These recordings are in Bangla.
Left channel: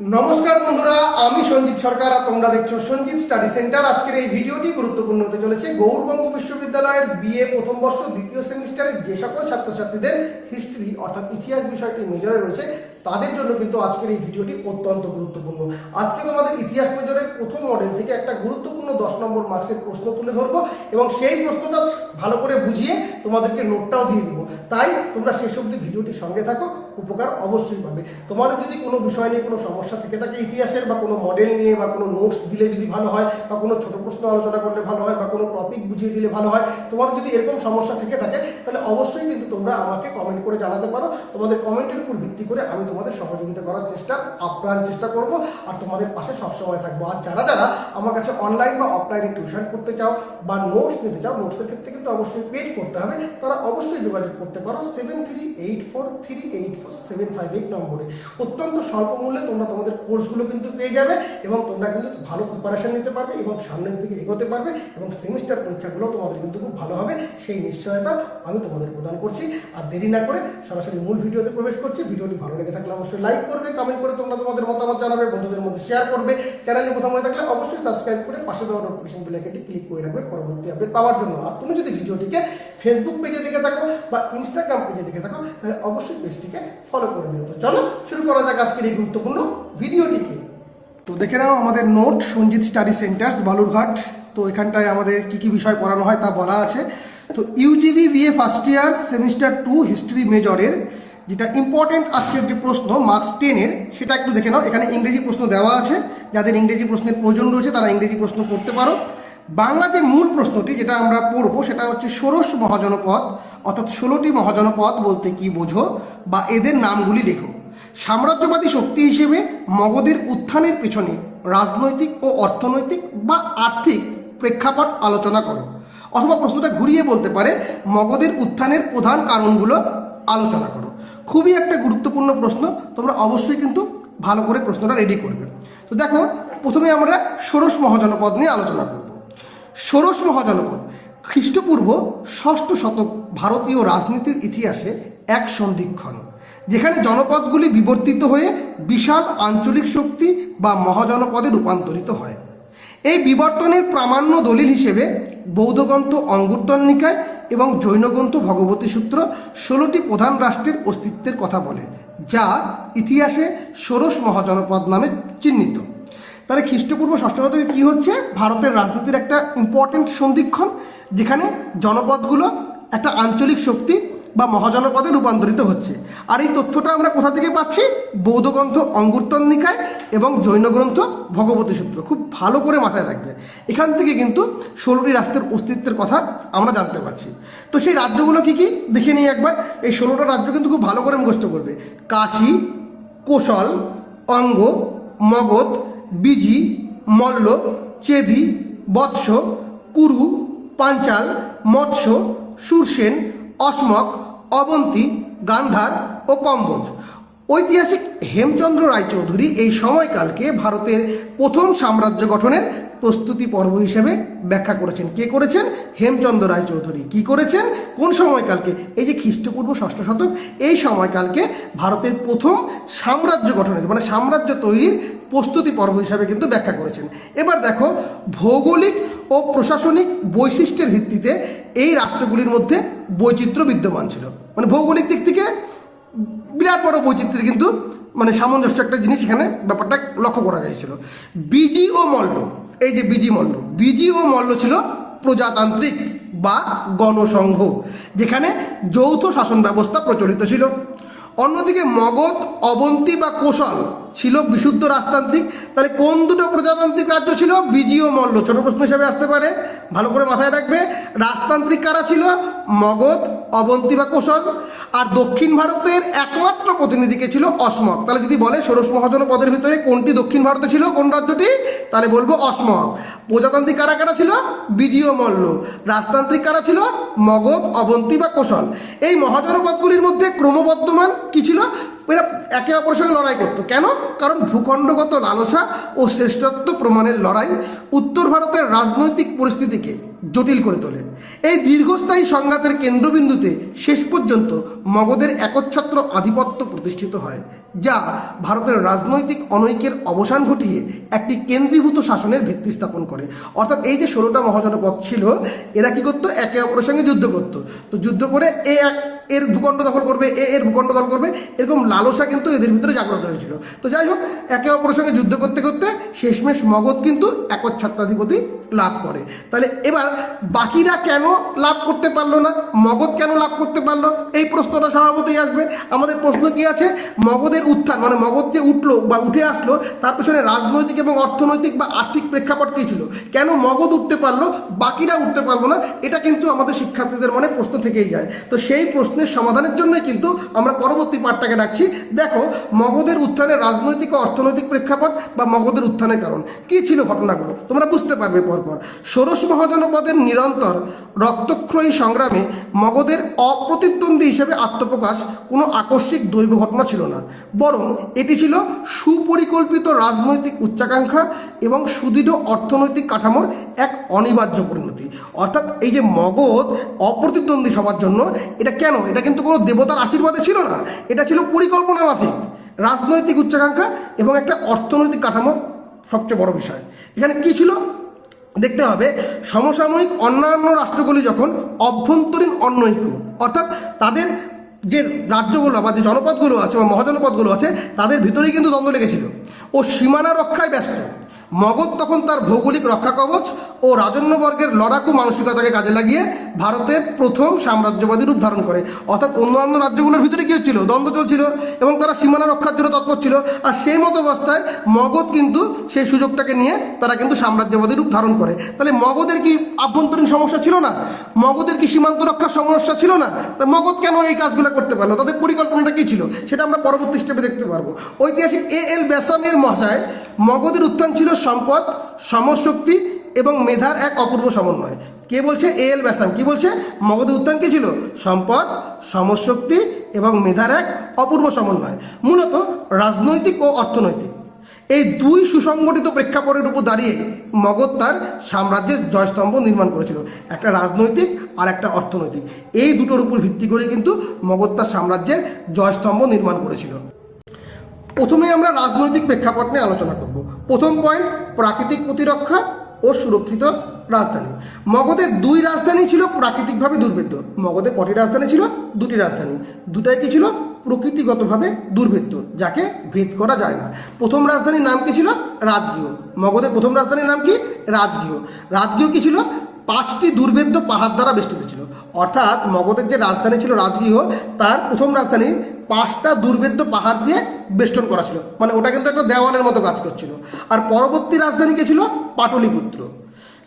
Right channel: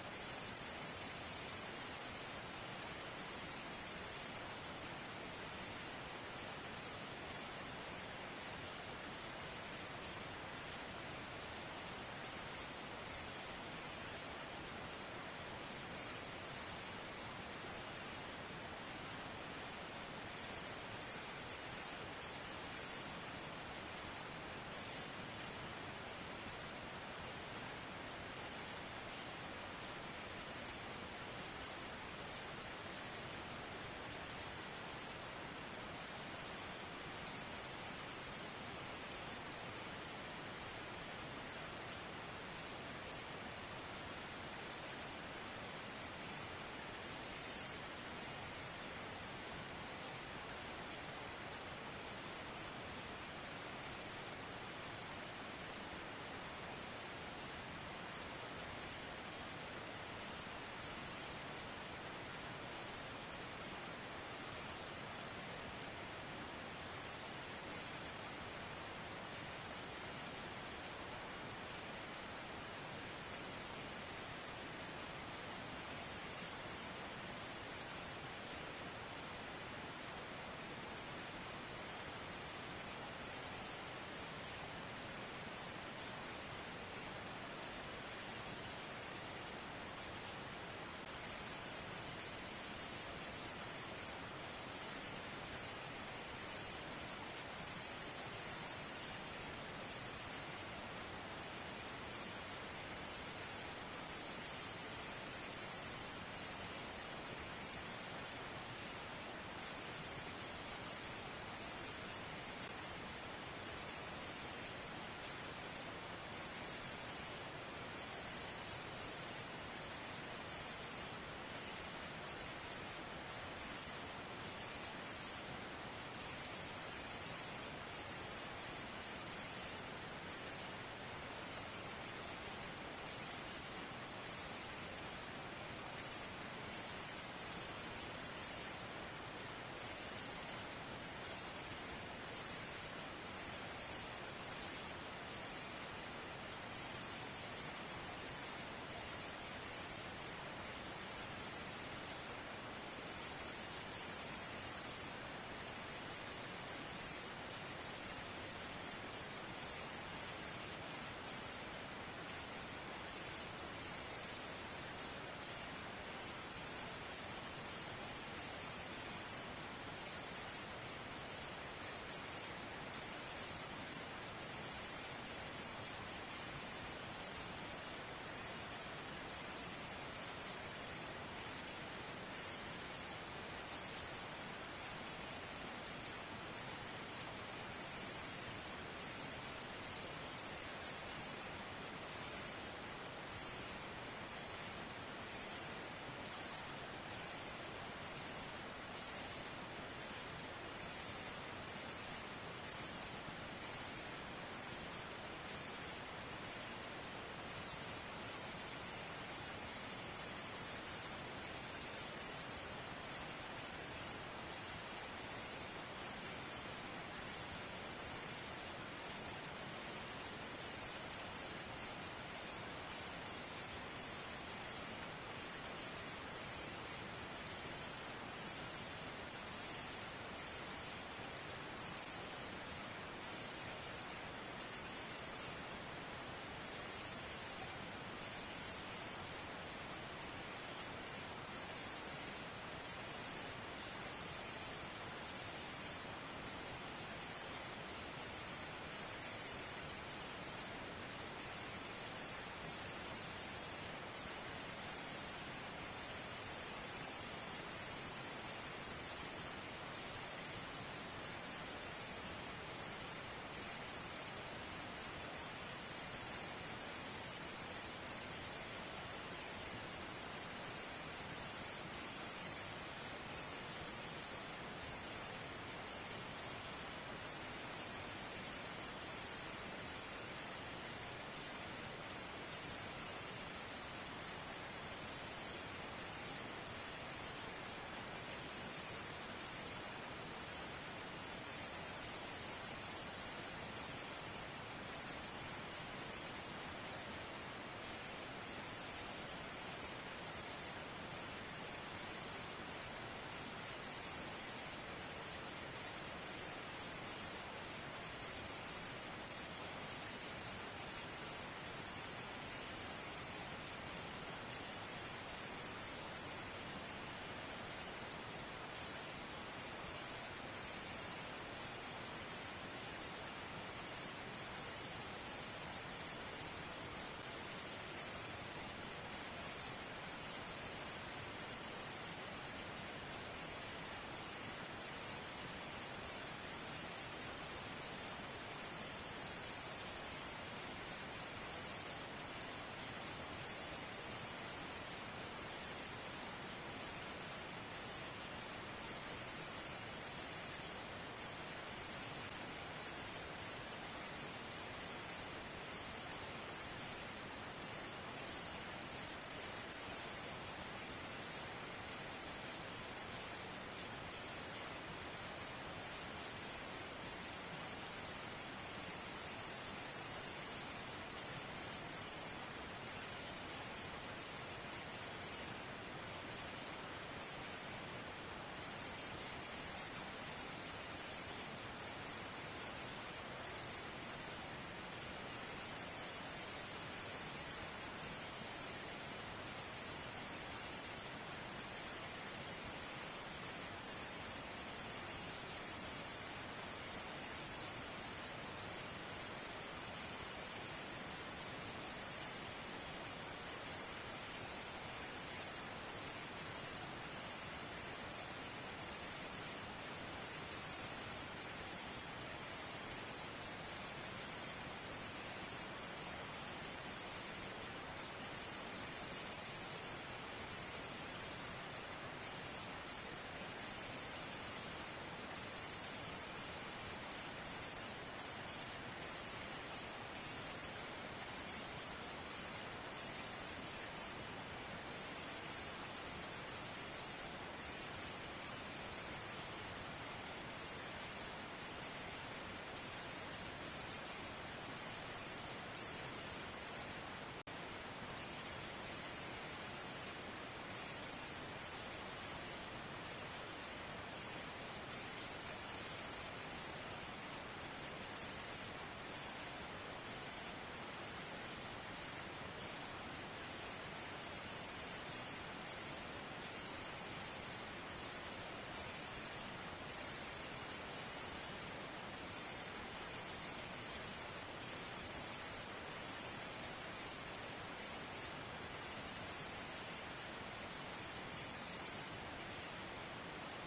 নমস্কার বন্ধুরা, আমি সঞ্জিত সরকার আর তোমরা দেখছো সঞ্জিত স্টাডি সেন্টার। আজকের এই ভিডিওটি গুরুত্বপূর্ণ হতে চলেছে। গৌড়বঙ্গ বিশ্ববিদ্যালয়ের বিএ প্রথম বর্ষ দ্বিতীয় সেমিস্টারের যে সকল ছাত্রছাত্রীদের হিস্ট্রি অর্থাৎ ইতিহাস বিষয়টি মেজরে রয়েছে তাদের জন্য কিন্তু আজকের এই ভিডিওটি অত্যন্ত গুরুত্বপূর্ণ। আজকে তোমাদের ইতিহাস মেজরের প্রথম মডেল থেকে একটা গুরুত্বপূর্ণ 10 নম্বর মার্কসের প্রশ্ন তুলে ধরবো এবং সেই প্রশ্নটা ভালো করে বুঝিয়ে তোমাদেরকে নোটটাও দিয়ে দিব। তাই তোমরা শেষ অবধি ভিডিওটির সঙ্গে থাকো, উপকার অবশ্যই পাবে। তোমাদের যদি কোনো বিষয় নিয়ে কোনো সমস্যা থেকে থাকে ইতিহাসের, বা কোনো মডেল নিয়ে বা কোনো নোটস দিলে যদি ভালো হয়, বা কোনো ছোট প্রশ্ন আলোচনা করলে ভালো হয়, বা কোনো টপিক বুঝিয়ে দিলে ভালো হয়, তোমাদের যদি এরকম সমস্যা থেকে থাকে তাহলে অবশ্যই কিন্তু তোমরা আমাকে কমেন্ট করে জানাতে পারো। তোমাদের কমেন্টের উপর ভিত্তি করে আমি তোমাদের সহযোগিতা করার আপ্রাণ চেষ্টা করব আর তোমাদের পাশে সবসময় থাকবো। আর যারা যারা আমার কাছে অনলাইন বা অফলাইনে টিউশন করতে চাও বা নোটস নিতে চাও, নোটসের ক্ষেত্রে কিন্তু অবশ্যই পেড করতে হবে, তারা অবশ্যই যোগাযোগ করতে পারো 7384384758 নম্বরে। অত্যন্ত স্বল্প মূল্যে তোমরা তোমাদের কোর্সগুলো কিন্তু পেয়ে যাবে এবং তোমরা কিন্তু ভালো প্রিপারেশন নিতে পারবে এবং সামনের দিকে এগোতে পারবে এবং সেমিস্টার পরীক্ষাগুলো তোমাদের কিন্তু খুব ভালো হবে, সেই নিশ্চয়তা আমি তোমাদের প্রদান করছি। আর দেরি না করে সরাসরি মূল ভিডিওতে প্রবেশ করছি। ভিডিওটি ভালো লেগে থাকলে অবশ্যই লাইক করবে, কমেন্ট করে তোমরা তোমাদের মতামত জানাবে, বন্ধুদের মধ্যে শেয়ার করবে। চ্যানেলে প্রথম হয়ে থাকলে অবশ্যই সাবস্ক্রাইব করে পাশে দেওয়া নোটিফিকেশন বেল আইকনটি ক্লিক করে রাখবে পরবর্তী আপডেট পাওয়ার জন্য। আর তুমি যদি ভিডিওটিকে ফেসবুক পেজে দেখে থাকো বা ইনস্টাগ্রাম পেজে দেখে থাকো তাহলে অবশ্যই পেজটিকে ফলো করে দিও। তো চলো শুরু করা যাক আজকের এই গুরুত্বপূর্ণ ভিডিওটিকে। তো দেখে নাও আমাদের note Sanjit study centres Balurghat. তো এখানটায় আমাদের কি কি বিষয় পড়ানো হয় তা বলা আছে। তো UGB BA first year semester 2 history মেজরের যেটা ইম্পর্টেন্ট আজকের যে প্রশ্ন মার্কস 10-এর সেটা একটু দেখে নাও। এখানে ইংরেজি প্রশ্ন দেওয়া আছে, যাদের ইংরেজি প্রশ্নের প্রয়োজন রয়েছে তারা ইংরেজি প্রশ্ন করতে পারো। বাংলা যে মূল প্রশ্নটি যেটা আমরা পড়বো সেটা হচ্ছে ষোড়শ মহাজনপদ অর্থাৎ 16টি মহাজনপদ বলতে কি বোঝো বা এদের নামগুলি লেখো। সাম্রাজ্যবাদী শক্তি হিসেবে মগধের উত্থানের পেছনে রাজনৈতিক ও অর্থনৈতিক বা আর্থিক প্রেক্ষাপট আলোচনা করো। অথবা প্রশ্নটা ঘুরিয়ে বলতে পারে মগধের উত্থানের প্রধান কারণগুলো আলোচনা করো। খুবই একটা গুরুত্বপূর্ণ প্রশ্ন, তোমরা অবশ্যই কিন্তু ভালো করে প্রশ্নটা রেডি করবে। তো দেখো, প্রথমে আমরা ষোড়শ মহাজনপদ নিয়ে আলোচনা করব। ষোড়শ মহাজনপদ খ্রিস্টপূর্ব 6ষ্ঠ শতক ভারতীয় রাজনীতির ইতিহাসে এক সন্ধিক্ষণ, যেখানে জনপদগুলি বিবর্তিত হয়ে বিশাল আঞ্চলিক শক্তি বা মহাজনপদে রূপান্তরিত হয়। এই বিবর্তনের প্রামাণ্য দলিল হিসেবে বৌদ্ধগ্রন্থ অঙ্গুত্তর নিকায় এবং জৈনগ্রন্থ ভগবতী সূত্র 16টি প্রধান রাষ্ট্রের অস্তিত্বের কথা বলে, যা ইতিহাসে ষোড়শ মহাজনপদ নামে চিহ্নিত। তাহলে খ্রিস্টপূর্ব 6ষ্ঠ শতকে কী হচ্ছে? ভারতের রাজনীতির একটা ইম্পর্টেন্ট সন্ধিক্ষণ, যেখানে জনপদগুলো একটা আঞ্চলিক শক্তি বা মহাজনপদে রূপান্তরিত হচ্ছে। আর এই তথ্যটা আমরা কোথা থেকে পাচ্ছি? বৌদ্ধগ্রন্থ অঙ্গুত্তর নিকায় এবং জৈনগ্রন্থ ভগবতী সূত্র। খুব ভালো করে মাথায় রাখবে, এখান থেকে কিন্তু 16টি রাষ্ট্রের অস্তিত্বের কথা আমরা জানতে পারছি। তো সেই রাজ্যগুলো কি কি দেখে নিই একবার। এই 16টা রাজ্য কিন্তু খুব ভালো করে মুখস্থ করবে। কাশী, কোশল, অঙ্গ, মগধ, বিজি, মল্ল, চেদি, বৎস, কুরু, পাঞ্চাল, মৎস্য, সুরসেন, অসমক, অবন্তী, গান্ধার ও কম্বোজ। ঐতিহাসিক হেমচন্দ্র রায়চৌধুরী এই সময়কালকে ভারতের প্রথম সাম্রাজ্য গঠনের প্রস্তুতি পর্ব হিসেবে ব্যাখ্যা করেছেন। কে করেছেন? হেমচন্দ্র রায়চৌধুরী। কি করেছেন? কোন সময়কালকে? এই যে খ্রিস্টপূর্ব 6ষ্ঠ শতক, এই সময়কালকে ভারতের প্রথম সাম্রাজ্য গঠনের মানে সাম্রাজ্য তৈরির প্রস্তুতি পর্ব হিসাবে কিন্তু ব্যাখ্যা করেছেন। এবার দেখো, ভৌগোলিক ও প্রশাসনিক বৈশিষ্ট্যের ভিত্তিতে এই রাষ্ট্রগুলির মধ্যে বৈচিত্র্য বিদ্যমান ছিল। মানে ভৌগোলিক দিক থেকে বিরাট বড় বৈচিত্র্যের কিন্তু মানে সামঞ্জস্য একটা জিনিস এখানে ব্যাপারটা লক্ষ্য করা গিয়েছিল। বিজি ও মল্ল, এই যে বিজি ও মল্ল ছিল প্রজাতান্ত্রিক বা গণসংঘ, যেখানে যৌথ শাসন ব্যবস্থা প্রচলিত ছিল। অন্যদিকে মগধ, অবন্তী বা কোশল ছিল বিশুদ্ধ রাজতান্ত্রিক। তাহলে কোন দুটো প্রজাতান্ত্রিক রাজ্য ছিল? বিজি ও মল্ল। ছোট প্রশ্ন হিসেবে আসতে পারে, ভালো করে মাথায় রাখবে। রাজতান্ত্রিক কারা ছিল? মগধ, অবন্তী বা কোশল। আর দক্ষিণ ভারতের একমাত্র প্রতিনিধিকে ছিল অসমক। তাহলে যদি বলে ষোড়শ মহাজনপদের ভিতরে কোনটি দক্ষিণ ভারতে ছিল, কোন রাজ্যটি, তাহলে বলবো অসমক। প্রজাতান্ত্রিক কারা কারা ছিল? বিজি ও মল্ল। রাজতান্ত্রিক কারা ছিল? মগধ, অবন্তী বা কোশল। এই মহাজনপদগুলির মধ্যে ক্রমবর্ধমান কি ছিল? এরা একে অপরের সঙ্গে লড়াই করতো। কেন? কারণ ভূখণ্ডগত লালসা ও শ্রেষ্ঠত্ব প্রমাণের লড়াই উত্তর ভারতের রাজনৈতিক পরিস্থিতিকে জটিল করে তোলে। এই দীর্ঘস্থায়ী সংঘাতের কেন্দ্রবিন্দুতে শেষ পর্যন্ত মগধের একচ্ছত্র আধিপত্য প্রতিষ্ঠিত হয়। যা ভারতের রাজনৈতিক অনৈক্যের অবসান ঘটিয়ে একটি কেন্দ্রীভূত শাসনের ভিত্তি স্থাপন করে। অর্থাৎ এই যে 16টা মহাজনপদ ছিল, এরা কি করতো? একে অপরের সঙ্গে যুদ্ধ করতো। তো যুদ্ধ করে এর ভূখণ্ড দখল করবে, এর ভূখণ্ড দখল করবে, এরকম লালসা কিন্তু এদের ভিতরে জাগ্রত হয়েছিল। তো যাই হোক, একে অপরের সঙ্গে যুদ্ধ করতে করতে শেষমেশ মগধ কিন্তু একচ্ছত্রাধিপতি লাভ করে। তাহলে এবার বাকিরা কেন লাভ করতে পারলো না, মগধ কেন লাভ করতে পারলো, এই প্রশ্নটা স্বভাবতই আসবে। আমাদের প্রশ্ন কি আছে? মগধের উত্থান, মানে মগধ যে উঠলো বা উঠে আসলো, তার পেছনে রাজনৈতিক এবং অর্থনৈতিক বা আর্থিক প্রেক্ষাপট কী ছিল? কেন মগধ উঠতে পারলো, বাকিরা উঠতে পারলো না? এটা কিন্তু আমাদের শিক্ষার্থীদের মনে প্রশ্ন থেকেই যায়। তো সেই প্রশ্নের সমাধানের জন্যই কিন্তু আমরা পরবর্তী পাঠটাকে রাখছি। দেখো, মগধের উত্থানের রাজনৈতিক ও অর্থনৈতিক প্রেক্ষাপট বা মগধের উত্থানের কারণ কী ছিল, ঘটনাগুলো তোমরা বুঝতে পারবে পরপর। ষোড়শ মহাজনপদের নিরন্তর রক্তক্ষয়ী সংগ্রামে মগধের অপ্রতিদ্বন্দ্বী হিসেবে আত্মপ্রকাশ কোনো আকস্মিক দৈব ঘটনা ছিল না, বরং এটি ছিল সুপরিকল্পিত রাজনৈতিক উচ্চাকাঙ্ক্ষা এবং সুদৃঢ় অর্থনৈতিক কাঠামোর এক অনিবার্য পরিণতি। অর্থাৎ এই যে মগধ অপ্রতিদ্বন্দ্বী সবার জন্য, এটা কেন? এটা কিন্তু কোনো দেবতার আশীর্বাদে ছিল না, এটা ছিল পরিকল্পনা মাফিক রাজনৈতিক উচ্চাকাঙ্ক্ষা এবং একটা অর্থনৈতিক কাঠামোর সবচেয়ে বড় বিষয়। এখানে কি ছিল দেখতে হবে। সমসাময়িক অন্যান্য রাষ্ট্রগুলি যখন অভ্যন্তরীণ অনৈক্য, অর্থাৎ তাদের যে রাজ্যগুলো বা যে জনপদগুলো আছে বা মহাজনপদগুলো আছে, তাদের ভিতরেই কিন্তু দ্বন্দ্ব লেগেছিল ও সীমানা রক্ষায় ব্যস্ত। মগধ তখন তার ভৌগোলিক রক্ষা কবচ ও রাজন্যবর্গের লড়াকু মানসিকতাকে কাজে লাগিয়ে ভারতের প্রথম সাম্রাজ্যবাদী রূপ ধারণ করে। অর্থাৎ অন্যান্য রাজ্যগুলোর ভিতরে কী হচ্ছিল? দ্বন্দ্ব চলছিল এবং তারা সীমানা রক্ষার জন্য তৎপর ছিল। আর সেই মতো অবস্থায় মগধ কিন্তু সেই সুযোগটাকে নিয়ে তারা কিন্তু সাম্রাজ্যবাদী রূপ ধারণ করে। তাহলে মগধের কি আভ্যন্তরীণ সমস্যা ছিল না? মগধের কি সীমান্ত রক্ষার সমস্যা ছিল না? মগধ কেন এই কাজগুলো করতে পারলো? তাদের পরিকল্পনাটা কী ছিল সেটা আমরা পরবর্তী স্টেপে দেখতে পারবো। ঐতিহাসিক এল ব্যাসামের মহাশয়, মগধের উত্থান ছিল সম্পদ, সমরশক্তি এবং মেধার এক অপূর্ব সমন্বয়। কে বলছে? এল ব্যাসাম। কি বলছে? মগধের উত্থান কি ছিল? সম্পদ, সমরশক্তি এবং মেধার এক অপূর্ব সমন্বয়, মূলত রাজনৈতিক ও অর্থনৈতিক। এই দুই সুসংগঠিত প্রেক্ষাপটের উপর দাঁড়িয়ে মগধ তার সাম্রাজ্যের জয়স্তম্ভ নির্মাণ করেছিল, একটা রাজনৈতিক আর একটা অর্থনৈতিক। এই দুটোর উপর ভিত্তি করে কিন্তু মগধ তার সাম্রাজ্যের জয়স্তম্ভ নির্মাণ করেছিল। প্রথমে আমরা রাজনৈতিক প্রেক্ষাপট নিয়ে আলোচনা করব। প্রথম পয়েন্ট, প্রাকৃতিক প্রতিরক্ষা ও সুরক্ষিত রাজধানী। মগধের দুই রাজধানী ছিল প্রাকৃতিকভাবে দুর্ভেদ্য। মগধের কটি রাজধানী ছিল? দুটি রাজধানী। দুটাই কি ছিল? প্রকৃতিগতভাবে দুর্ভেদ্য, যাকে ভেদ করা যায় না। প্রথম রাজধানীর নাম কি ছিল? রাজগৃহ। মগধের প্রথম রাজধানীর নাম কি? রাজগৃহ। রাজগৃহ কি ছিল? 5টি দুর্ভেদ্য পাহাড় দ্বারা বেষ্টিত ছিল। অর্থাৎ মগধের যে রাজধানী ছিল রাজগৃহ, তার প্রথম রাজধানী 5টা দুর্ভেদ্য পাহাড় দিয়ে বেষ্টন করা ছিল, মানে ওটা কিন্তু একটা দেওয়ালের মতো কাজ করছিল। আর পরবর্তী রাজধানী কে ছিল? পাটলিপুত্র,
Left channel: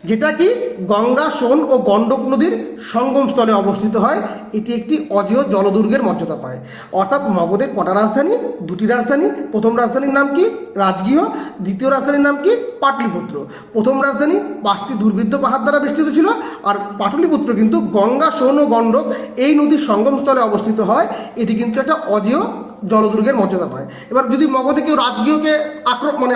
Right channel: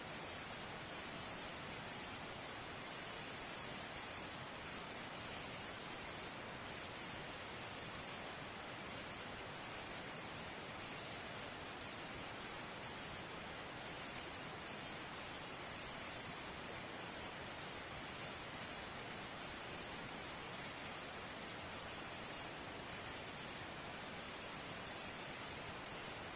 যেটা কি গঙ্গা, সোন ও গণ্ডক নদীর সঙ্গমস্থলে অবস্থিত হয়। এটি একটি অজেয় জলদুর্গের মর্যাদা পায়। অর্থাৎ মগধের কটা রাজধানী? দুটি রাজধানী। প্রথম রাজধানীর নাম কি? রাজগৃহ। দ্বিতীয় রাজধানীর নাম কি? পাটলিপুত্র। প্রথম রাজধানী 5টি দুর্ভেদ্য পাহাড় দ্বারা বেষ্টিত ছিল, আর পাটলিপুত্র কিন্তু গঙ্গা, সোন ও গণ্ডক এই নদীর সঙ্গমস্থলে অবস্থিত হয়। এটি কিন্তু একটা অজেয় জলদুর্গের মর্যাদা পায়। এবার যদি মগধে কেউ রাজগৃহকে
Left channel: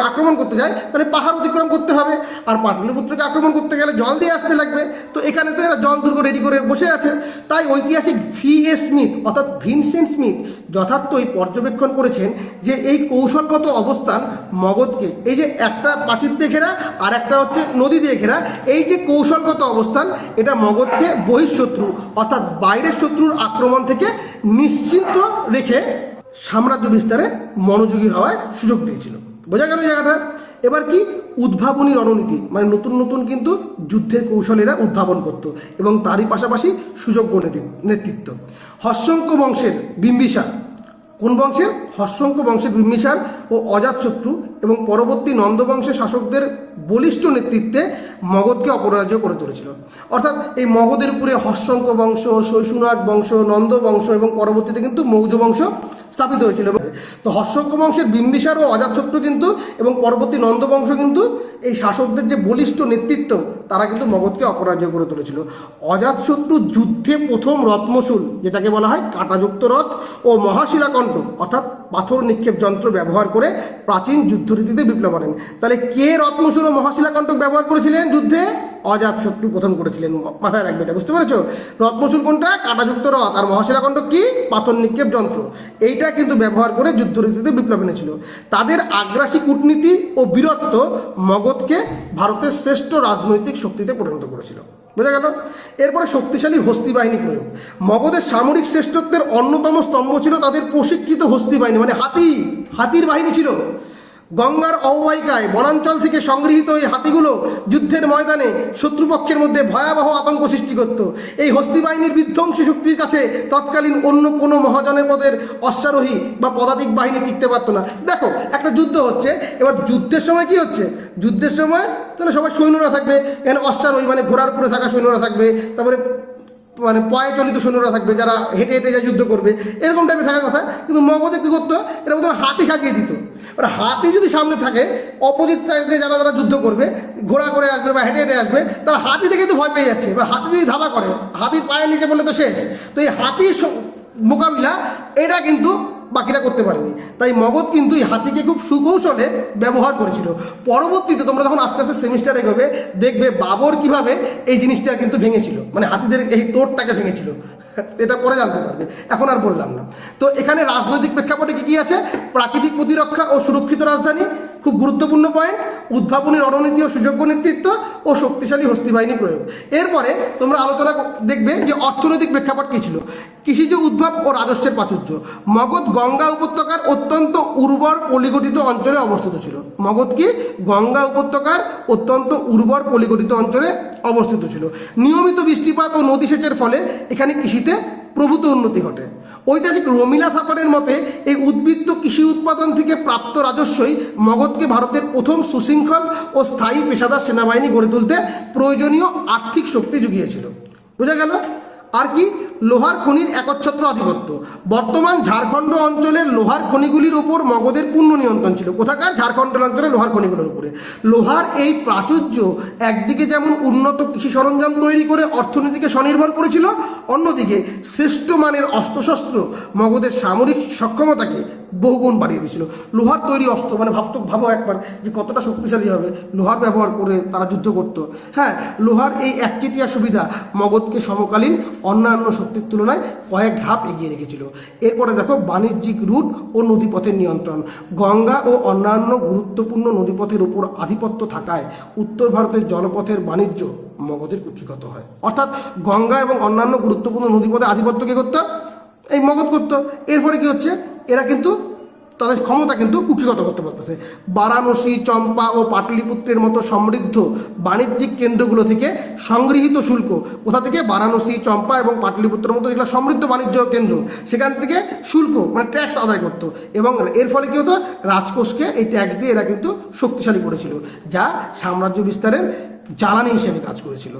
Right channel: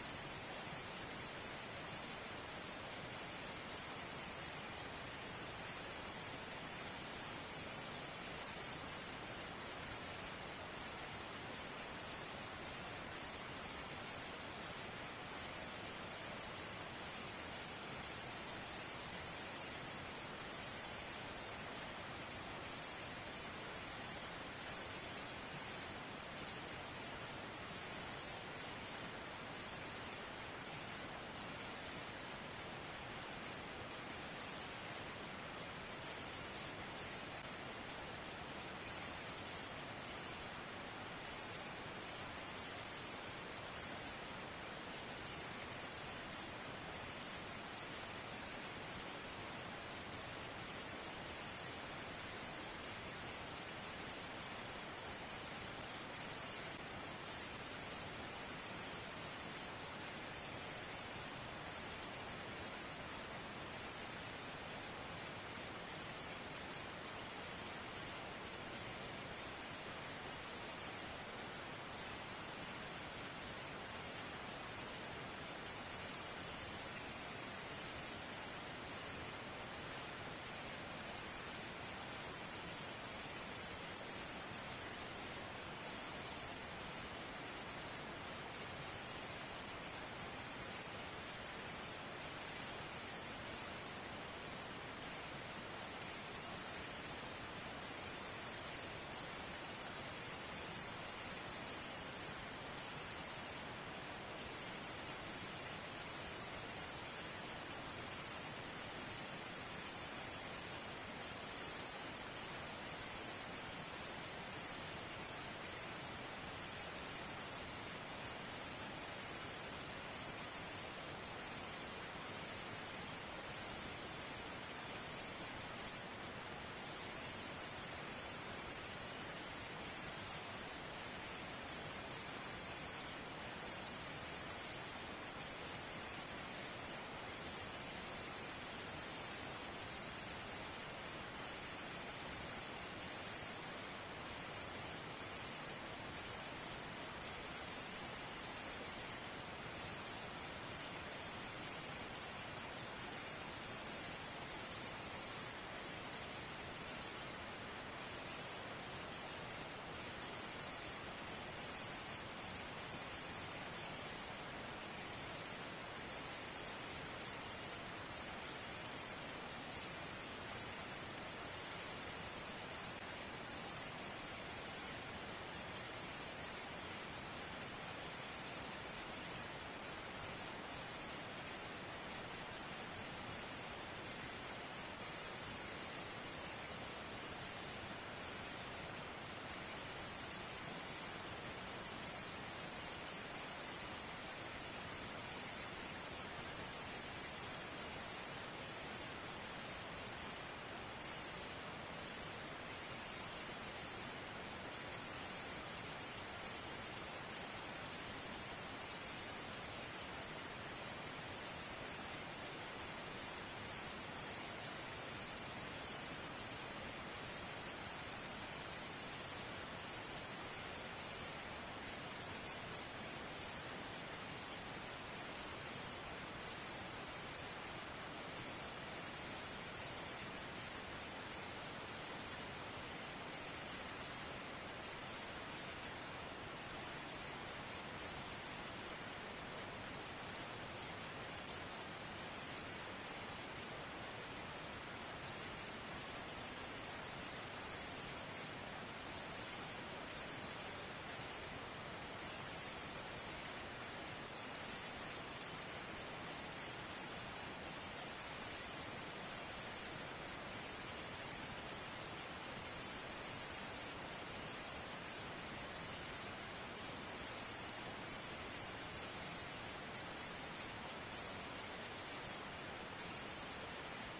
আক্রমণ করতে চায়, তাহলে পাহাড় অতিক্রম করতে হবে, আর পাটলিপুত্রকে আক্রমণ করতে গেলে জল দিয়ে আসতে লাগবে। তো এখানে তো এরা জল দুর্গ রেডি করে বসে আছে। তাই ঐতিহাসিক V.A. স্মিথ অর্থাৎ ভিনসেন্ট স্মিথ যথার্থই পর্যবেক্ষণ করেছেন যে এই কৌশলগত অবস্থান মগধকে, এই যে একটা প্রাচীর দিয়ে ঘেরা আর একটা হচ্ছে নদী দিয়ে ঘেরা, এই যে কৌশলগত অবস্থান, এটা মগধকে বহিঃশত্রু অর্থাৎ বাইরের শত্রুর আক্রমণ থেকে নিশ্চিন্ত রেখে সাম্রাজ্য বিস্তারে মনোযোগী হওয়ার সুযোগ দিয়েছিল। বোঝা গেল জায়গাটা? এবার কি? উদ্ভাবনী রণনীতি, মানে নতুন নতুন কিন্তু যুদ্ধের কৌশল এরা উদ্ভাবন করত এবং তারই পাশাপাশি সুযোগ্য নেতৃত্ব। হর্ষঙ্ক বংশের বিম্বিসার, কোন বংশের? হর্ষঙ্ক বংশের বিম্বিসার ও অজাতশত্রু এবং পরবর্তী নন্দ বংশের শাসকদের বলিষ্ঠ নেতৃত্বে মগধকে অপরাজ্য করে তুলেছিল। অর্থাৎ এই মগধের উপরে হর্ষঙ্ক বংশ, শৈশুনাগ বংশ, নন্দ বংশ এবং পরবর্তীতে কিন্তু মৌর্য বংশ স্থাপিত হয়েছিল। তো হর্ষঙ্ক বংশের বিম্বিসার ও অজাতশত্রু কিন্তু এবং পরবর্তী নন্দ বংশ কিন্তু এই শাসকদের যে বলিষ্ঠ নেতৃত্ব, তারা কিন্তু মগধকে অপরাজ্য করে তুলেছিল। অজাতশত্রু যুদ্ধে প্রথম রত্মশূল, যেটাকে বলা হয় কাঁটাযুক্ত রথ, ও মহাশিলাকণ্টক অর্থাৎ পাথর নিক্ষেপ যন্ত্র ব্যবহার করে প্রাচীন যুদ্ধরীতিতে বিপ্লব আনেন। তাহলে কে রত্মশূল ও মহাশিলাকণ্টক ব্যবহার করেছিলেন যুদ্ধে? অজাতশত্রু প্রথম করেছিলেন। মাথায় রাখবে এটা, বুঝতে পেরেছো? রত্নচূড় কোনটা? কাঁটাযুক্ত রথ। আর মহাশিলাখণ্ড কি? পাথর নিক্ষেপ যন্ত্র। এইটা কিন্তু ব্যবহার করে যুদ্ধরীতিতে বিপ্লব এনেছিল। তাদের আগ্রাসী কূটনীতি ও বীরত্ব মগধকে ভারতের শ্রেষ্ঠ রাজনৈতিক শক্তিতে পরিণত করেছিল। বোঝা গেল? এরপরে শক্তিশালী হস্তি বাহিনী প্রয়োগ। মগধের সামরিক শ্রেষ্ঠত্বের অন্যতম স্তম্ভ ছিল তাদের প্রশিক্ষিত হস্তি বাহিনী, মানে হাতির বাহিনী ছিল। গঙ্গার অববাহিকায় বনাঞ্চল থেকে সংগৃহীত এই হাতিগুলো যুদ্ধের ময়দানে শত্রুপক্ষের মধ্যে ভয়াবহ আতঙ্ক সৃষ্টি করত। এই হস্তি বাহিনীর বিধ্বংসী শক্তির কাছে তৎকালীন অন্য কোনো মহাজনপদের অশ্বারোহী বা পদাতিক বাহিনী টিকতে পারতো না। দেখো, একটা যুদ্ধ হচ্ছে, এবার যুদ্ধের সময় কি হচ্ছে? যুদ্ধের সময় তাহলে সবাই সৈন্যরা থাকবে, এখানে অশ্বারোহী মানে ঘোড়ার উপরে থাকা সৈন্যরা থাকবে, তারপরে মানে পয়ে চলিত সৈন্যরা থাকবে যারা হেঁটে হেঁটে যা যুদ্ধ করবে, এরকম টাইপের থাকার কথা। কিন্তু মগধে কী করতো? এরা প্রথমে হাতি সাজিয়ে দিত। এবার হাতি যদি সামনে থাকে, অপোজিট সাইডে যারা যুদ্ধ করবে, ঘোড়া করে আসবে বা হেঁটে হেঁটে আসবে, তারা হাতি দেখে তো ভয় পেয়ে যাচ্ছে। এবার হাতি যদি ধাবা করে, হাতির পায়ের নিচে বললে তো শেষ। তো এই হাতির মোকাবিলা এটা কিন্তু বাকিরা করতে পারেনি। তাই মগধ কিন্তু এই হাতিকে খুব সুকৌশলে ব্যবহার করেছিল। পরবর্তীতে তোমরা যখন আস্তে আস্তে সেমিস্টার এগোবে, দেখবে বাবর কিভাবে এই জিনিসটা কিন্তু ভেঙেছিল, মানে হাতিদের এই তোড়টাকে ভেঙেছিল। এটা পরে জানতে পারবে, এখন আর বললাম না। তো এখানে রাজনৈতিক প্রেক্ষাপটে কি আছে? প্রাকৃতিক প্রতিরক্ষা ও সুরক্ষিত রাজধানী খুব গুরুত্বপূর্ণ পয়েন্ট, উদ্ভাবনী রণনীতি ও সুযোগ্য নেতৃত্ব ও শক্তিশালী হস্তি বাহিনী প্রয়োগ। এরপরে তোমরা আলোচনা দেখবে যে অর্থনৈতিক প্রেক্ষাপট কী ছিল। কৃষিজ উদ্ভব ও রাজস্বের প্রাচুর্য। মগধ গঙ্গা উপত্যকার অত্যন্ত উর্বর পলিগঠিত অঞ্চলে অবস্থিত ছিল। মগধ কি? গঙ্গা উপত্যকার অত্যন্ত উর্বর পলিগঠিত অঞ্চলে অবস্থিত ছিল। নিয়মিত বৃষ্টিপাত ও নদী সেচের ফলে এখানে কৃষিতে প্রভূত উন্নতি ঘটে। ঐতিহাসিক রমিলা থাপারের মতে এই উদ্বৃত্ত কৃষি উৎপাদন থেকে প্রাপ্ত রাজস্বই মগধকে ভারতের প্রথম সুশৃঙ্খল ও স্থায়ী পেশাদার সেনাবাহিনী গড়ে তুলতে প্রয়োজনীয় আর্থিক শক্তি জুগিয়েছিল। বোঝা গেল? আর কি? লোহার খনির একচ্ছত্র আধিপত্য। বর্তমান ঝাড়খণ্ড অঞ্চলের লোহার খনিগুলির উপর মগধের পূর্ণ নিয়ন্ত্রণ ছিল। কোথাকার? ঝাড়খণ্ড অঞ্চলের লোহার খনিগুলোর উপরে। লোহার এই প্রাচুর্য একদিকে যেমন উন্নত কৃষি সরঞ্জাম তৈরি করে অর্থনীতিকে স্বনির্ভর করেছিল, অন্যদিকে শ্রেষ্ঠ মানের অস্ত্রশস্ত্র মগধের সামরিক সক্ষমতাকে বহুগুণ বাড়িয়ে দিয়েছিল। লোহার তৈরি অস্ত্র, মানে ভাবো একবার যে কতটা শক্তিশালী হবে। লোহার ব্যবহার করে তারা যুদ্ধ করত। হ্যাঁ, লোহার এই একচেটিয়া সুবিধা মগধকে সমকালীন অন্যান্য শক্তির তুলনায় কয়েক ধাপ এগিয়ে রেখেছিল। এরপরে দেখো বাণিজ্যিক রুট ও নদীপথের নিয়ন্ত্রণ। গঙ্গা ও অন্যান্য গুরুত্বপূর্ণ নদীপথের উপর আধিপত্য থাকায় উত্তর ভারতের জলপথের বাণিজ্য মগধের কুক্ষিগত হয়। অর্থাৎ গঙ্গা এবং অন্যান্য গুরুত্বপূর্ণ নদীপথে আধিপত্য কে করতো? এই মগধ করতো। এরপরে কি হচ্ছে? এরা কিন্তু তাদের ক্ষমতা কিন্তু কুক্ষিগত করতে পারতেছে। বারাণসী, চম্পা ও পাটলিপুত্রের মতো সমৃদ্ধ বাণিজ্যিক কেন্দ্রগুলো থেকে সংগৃহীত শুল্ক, কোথা থেকে? বারাণসী, চম্পা এবং পাটলিপুত্রের মতো যেগুলো সমৃদ্ধ বাণিজ্য কেন্দ্র, সেখান থেকে শুল্ক মানে ট্যাক্স আদায় করতো। এবং এর ফলে কী হতো? রাজকোষকে এই ট্যাক্স দিয়ে এরা কিন্তু শক্তিশালী করেছিল, যা সাম্রাজ্য বিস্তারের জ্বালানি হিসেবে কাজ করেছিল।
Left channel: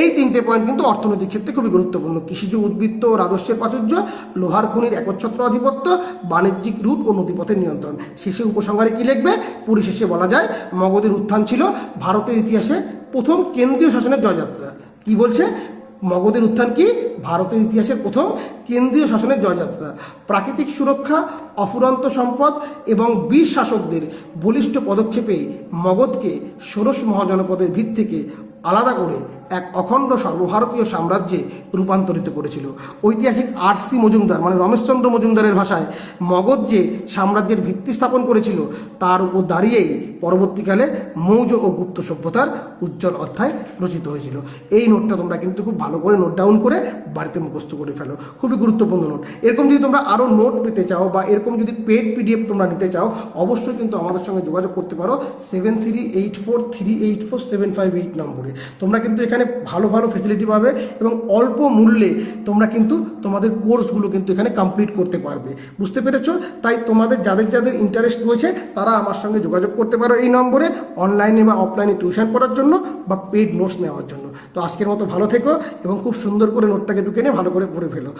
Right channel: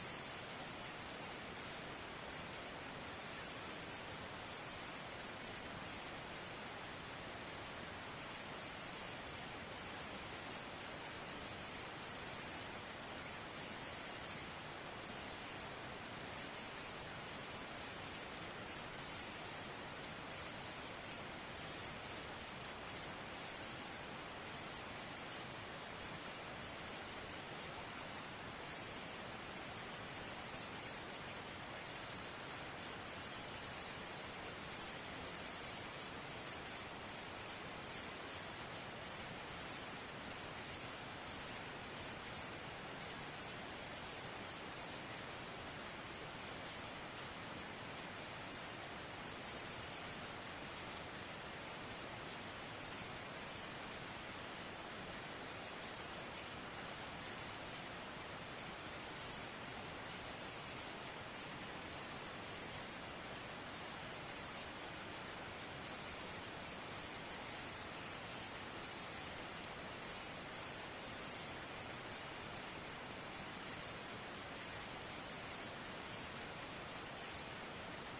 এই তিনটে পয়েন্ট কিন্তু অর্থনৈতিক ক্ষেত্রে খুবই গুরুত্বপূর্ণ। কৃষিজ উদ্বৃত্ত ও রাজস্বের প্রাচুর্য, লোহার খনির একচ্ছত্র আধিপত্য, বাণিজ্যিক রুট ও নদীপথের নিয়ন্ত্রণ। শেষে উপসংহারে কি লিখবে? পরিশেষে বলা যায় মগধের উত্থান ছিল ভারতের ইতিহাসে প্রথম কেন্দ্রীয় শাসনের জয়যাত্রা। কি বলছে? মগধের উত্থান কি? ভারতের ইতিহাসের প্রথম কেন্দ্রীয় শাসনের জয়যাত্রা। প্রাকৃতিক সুরক্ষা, অফুরন্ত সম্পদ এবং বীর শাসকদের বলিষ্ঠ পদক্ষেপে মগধকে ষোড়শ মহাজনপদের ভিত থেকে আলাদা করে এক অখণ্ড সর্বভারতীয় সাম্রাজ্যে রূপান্তরিত করেছিল। ঐতিহাসিক আর.সি. মজুমদার মানে রমেশচন্দ্র মজুমদারের ভাষায় মগধ যে সাম্রাজ্যের ভিত্তি স্থাপন করেছিল তার উপর দাঁড়িয়েই পরবর্তীকালে মৌর্য ও গুপ্ত সভ্যতার উজ্জ্বল অধ্যায় রচিত হয়েছিল। এই নোটটা তোমরা কিন্তু খুব ভালো করে নোট ডাউন করে বাড়িতে মুখস্থ করে ফেলো, খুবই গুরুত্বপূর্ণ নোট। এরকম যদি তোমরা আরও নোট পেতে চাও বা এরকম যদি পেড পিডিএফ তোমরা নিতে চাও, অবশ্যই কিন্তু আমাদের সঙ্গে যোগাযোগ করতে পারো 7384384758 নম্বরে। তোমরা কিন্তু এখানে ভালো ভালো ফেসিলিটি পাবে এবং অল্প মূল্যে তোমরা কিন্তু তোমাদের কোর্সগুলো কিন্তু এখানে কমপ্লিট করতে পারবে। বুঝতে পেরেছো? তাই তোমাদের যাদের যাদের ইন্টারেস্ট রয়েছে তারা আমার সঙ্গে যোগাযোগ করতে পারো এই নম্বরে, অনলাইনে বা অফলাইনে টিউশন পড়ার জন্য বা পেড নোটস নেওয়ার জন্য। তো আজকের মতো ভালো থেকো এবং খুব সুন্দর করে নোটটাকে ঢুকে নিয়ে ভালো করে পড়ে ফেলো।